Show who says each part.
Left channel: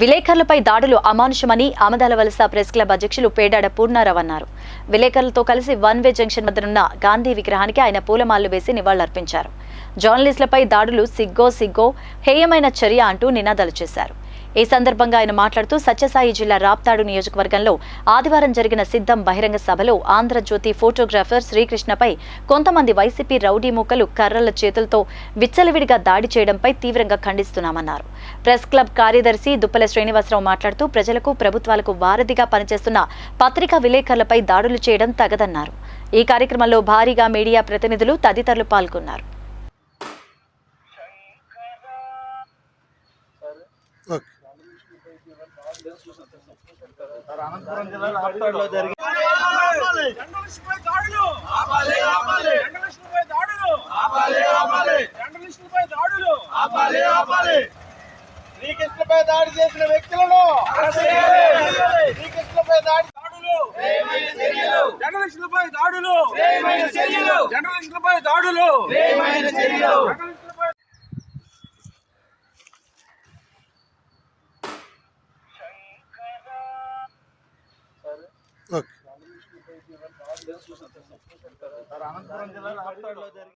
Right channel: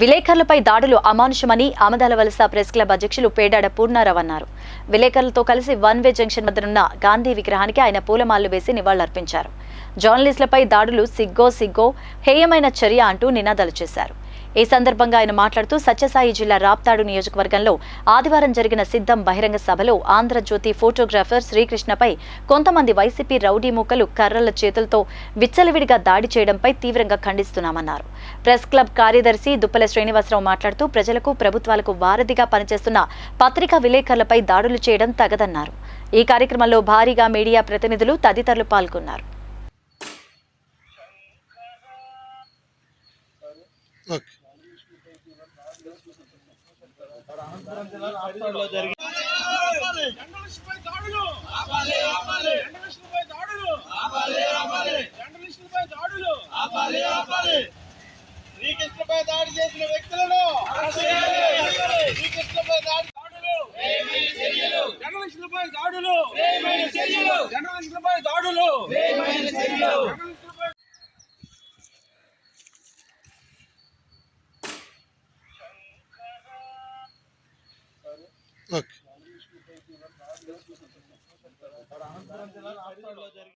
Speaker 1: విలేకరులపై దాడులు అమానుషమని ఆమదాల వలస press club అధ్యక్షులు పేడాడ పూర్ణారావు అన్నారు. విలేకరులతో కలిసి వన్ వే జంక్షన్ వద్దనున్న గాంధీ విగ్రహానికి ఆయన పూలమాలలు వేసి నివాళులర్పించారు. జర్నలిస్టులపై దాడులు సిగ్గో సిగ్గో హేయమైన చర్య అంటూ నినాదాలు చేశారు. ఈ సందర్భంగా ఆయన మాట్లాడుతూ సత్యసాయి జిల్లా రాప్తాడు నియోజకవర్గంలో ఆదివారం జరిగిన సిద్ధం బహిరంగ సభలో ఆంధ్రజ్యోతి ఫోటోగ్రాఫర్ శ్రీకృష్ణపై కొంతమంది వైసీపీ రౌడీ మూకలు కర్రల చేతులతో విచ్చలవిడిగా దాడి చేయడంపై తీవ్రంగా ఖండిస్తున్నామన్నారు. ప్రెస్ క్లబ్ కార్యదర్శి దుప్పల శ్రీనివాసరావు మాట్లాడుతూ ప్రజలకు ప్రభుత్వాలకు వారధిగా పనిచేస్తున్న పత్రికా విలేకరులపై దాడులు చేయడం తగదన్నారు. ఈ కార్యక్రమంలో భారీగా మీడియా ప్రతినిధులు తదితరులు పాల్గొన్నారు.
Speaker 2: ఓకే
Speaker 3: జర్నలిస్టులపై దాడులు. ఆపాలి ఆపాలి జర్నలిస్టులపై దాడులు. ఆపాలి ఆపాలి జర్నలిస్టులపై దాడులు. ఆపాలి ఆపాలి శ్రీకృష్ణపై దాడి చేసిన వ్యక్తులను శ్రీకృష్ణపై దాడి దాడులు. జర్నలిస్టులపై దాడులు. జర్నలిస్టులపై దాడులు. జర్నలిస్టులపై
Speaker 2: ఓకే.